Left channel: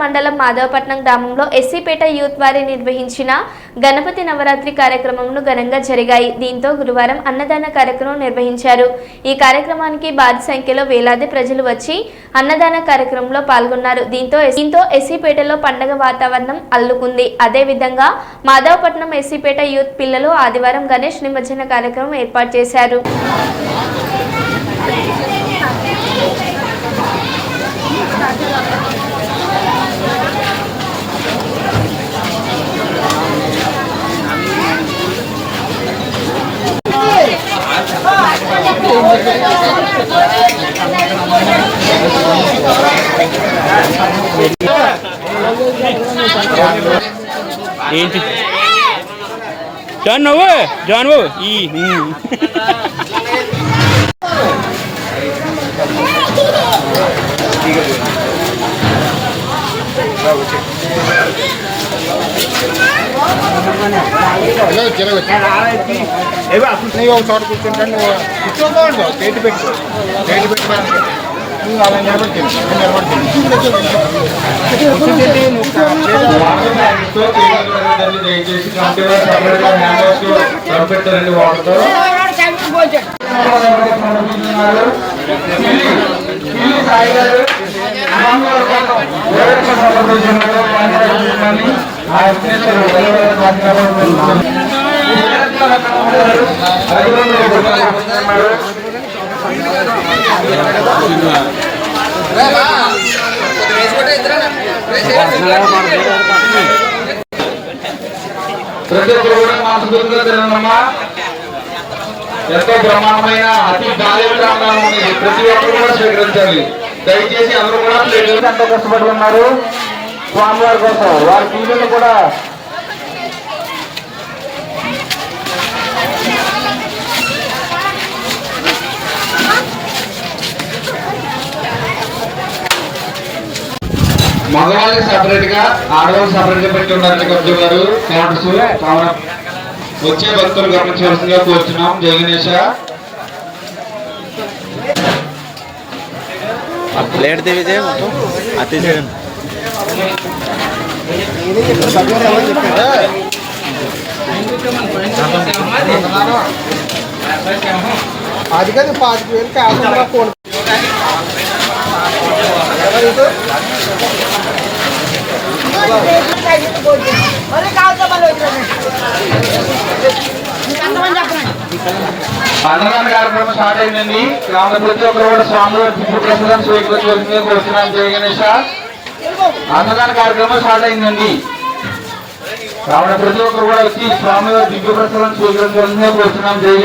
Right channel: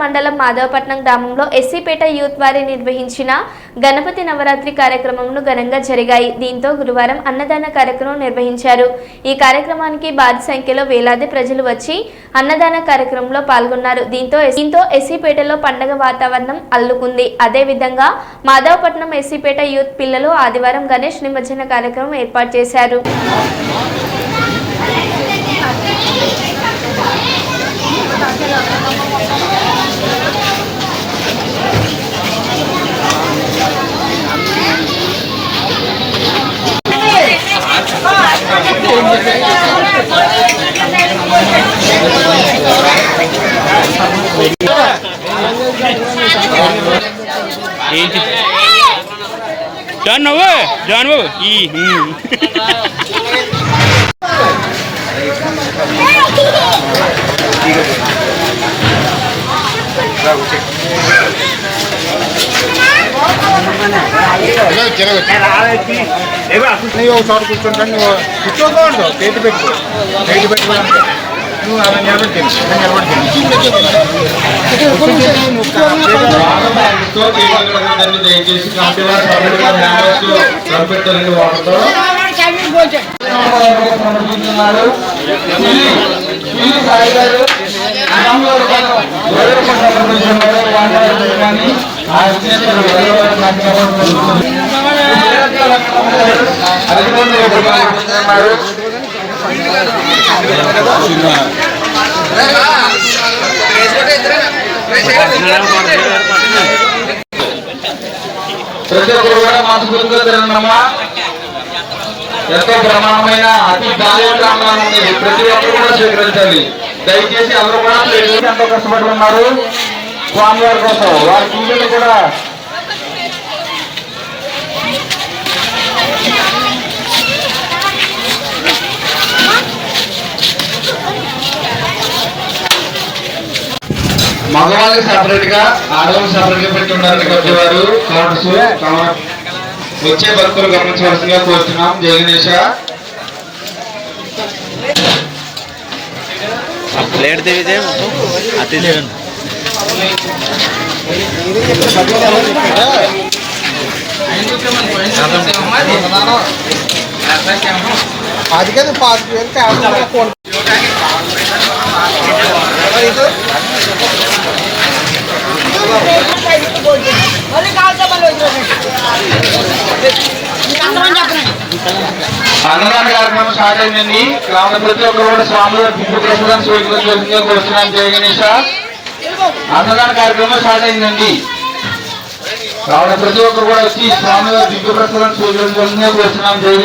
మండలం మాధవపట్నం గ్రామంలో ఎస్సీపేట యూత్ వారి నిర్వహించిన గణపతి నవరాత్రి కార్యక్రమంను ఘనంగా జరిగాయి. దీంతో గురువారం అన్నదాన కార్యక్రమం నిర్వహించారు. ఈ కార్యక్రమానికి భారీ సంఖ్యలో వేలాది ప్రజలు వచ్చి అన్నదాన కార్యక్రమంలో పాల్గొన్నారు. దీంతో దీంతో ఎస్సీపేటలో పండగ వాతావరణం అల్లుకుంది. అదేవిధంగా మాధవపట్నం ఎస్సీపేట యూత్ పిల్లలు ఆదివారం గణేష్ నిమజ్జన కార్యక్రమం ఏర్పాటు చేశారు. ఏంటి జాన్ నువ్వు జాన్ నువ్వు ఈ నువ్వు కూర్చోకూడదు చేతి పెట్టుకో చేతి పెట్టుకో నువ్వు అలా నిలబడి దయచేసి ప్రతి ఒక్కరు కూడా గురించి తిరగమ్మా ఎంతో ప్రమాణమైన అతి బాధ్యతంగా ప్రతి ఒక్కరు కూడా దయచేసి అందరూ కూడా ఎంతో కష్టపడి ఉన్నారు. స్వామివారి కోసం వారి పూజలు కూడా మగవాళ్ళకి సపరేట్గా ఆడవాళ్ళకి సపరేట్గా పెట్టి ఉన్నారండి కబ్జీ వారు. కౌంటర్స్ వచ్చే భక్తులు గమనించవలసిందిగా కోరుతున్నాం జయ గణేష. ప్లేట్ మొత్తం అతి అది కాదు పాతిక వేలు క్యాష్ ఫోన్ అన్నదాన కార్యక్రమం స్టార్ట్ అయిందండి గ్రామ ప్రతి ఒక్కరు కూడా స్వామి దివ్య ప్రసాదం స్వీకరించవలసిందిగా కోరుతున్నాం జయ గణేష. అన్నదాన కార్యక్రమం స్టార్ట్ అయిందండి కావున ప్రతి ఒక్కరు కూడా వచ్చి స్వామివారి దివ్య ప్రసాదం స్వీకరించవలసిందిగా కోరుతున్నాం జయ